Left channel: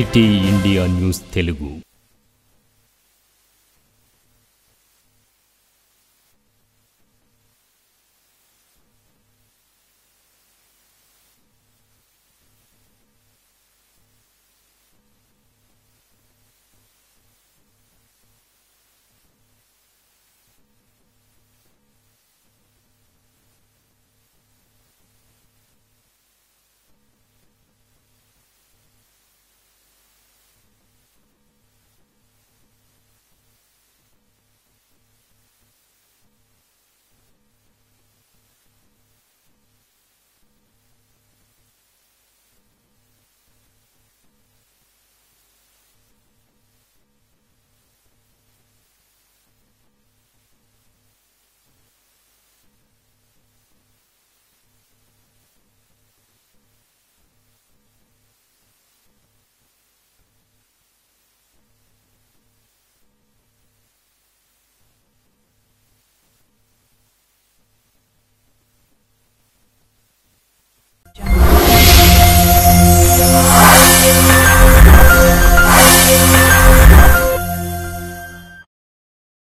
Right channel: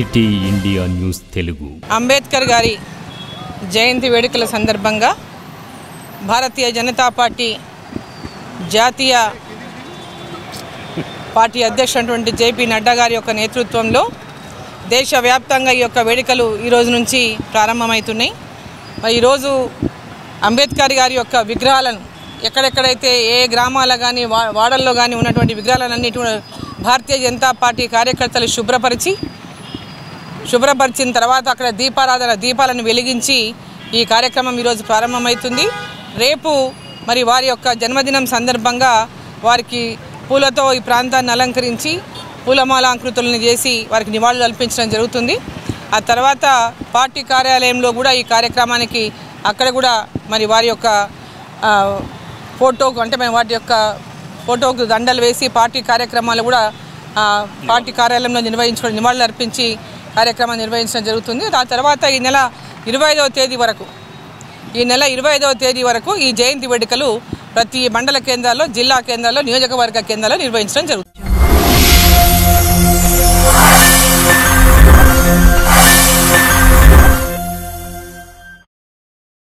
City India news Telugu. Ambedkar గారి జయంతి వేడుకల సందర్భంగా భారతీయ జనతా పార్టీ జాతీయ పార్టీ అధ్యక్షుడు జేపీ నడ్డా గారి యొక్క నేతృత్వంలో దేశవ్యాప్తంగా ఈ యొక్క వేడుకలు ఈరోజు నుంచి ప్రారంభమవుతున్నాయి. మరి ఈరోజు అంబేద్కర్ గారి యొక్క విగ్రహాలను ఎక్కడెక్కడైతే ఏ గ్రామాల కానీ వాడల్లో కానీ ఉన్నటువంటి విగ్రహాలన్నిటి భారతీయ జనతా పార్టీ కార్యకర్తలు శుభ్రపరిచిన తర్వాత అక్కడ దీపాలను వెలిగించి ఈ కార్యక్రమం ఈరోజు ప్రారంభమవుతుంది. రేపు మరి వారి యొక్క జన్మదినం సందర్భంగా వారికి పూలతో ఈ ప్రాంతాన్ని అలంకరించి పూలమాలాంకృతులను చేసి వారికి నివాళులు అర్పించడం జరుగుతుంది. ఆ తర్వాత పార్టీ కార్యాలయంలో కూడా ఈ కార్యక్రమానికి అక్కడ కూడా మరి వారి యొక్క ఫోటోకు అంటే మేము వాటి యొక్క ఫోటోకు దండలు వేసి పార్టీ కార్యక్రమాలు కూడా పార్టీ కార్యాలయంలో నివాళులు అర్పించి కార్యక్రమాన్ని నిర్వహించడం జరుగుతుంది. ఆ తర్వాత ఈ నెల 25వ తేదీ వరకు ఈ జయంతి వేడుకలు ప్రతి మండల కేంద్రాల్లో, జిల్లా కేంద్రాల్లో, నియోజకవర్గ కేంద్రాల్లో నిర్వహించడం జరుగుతుంది.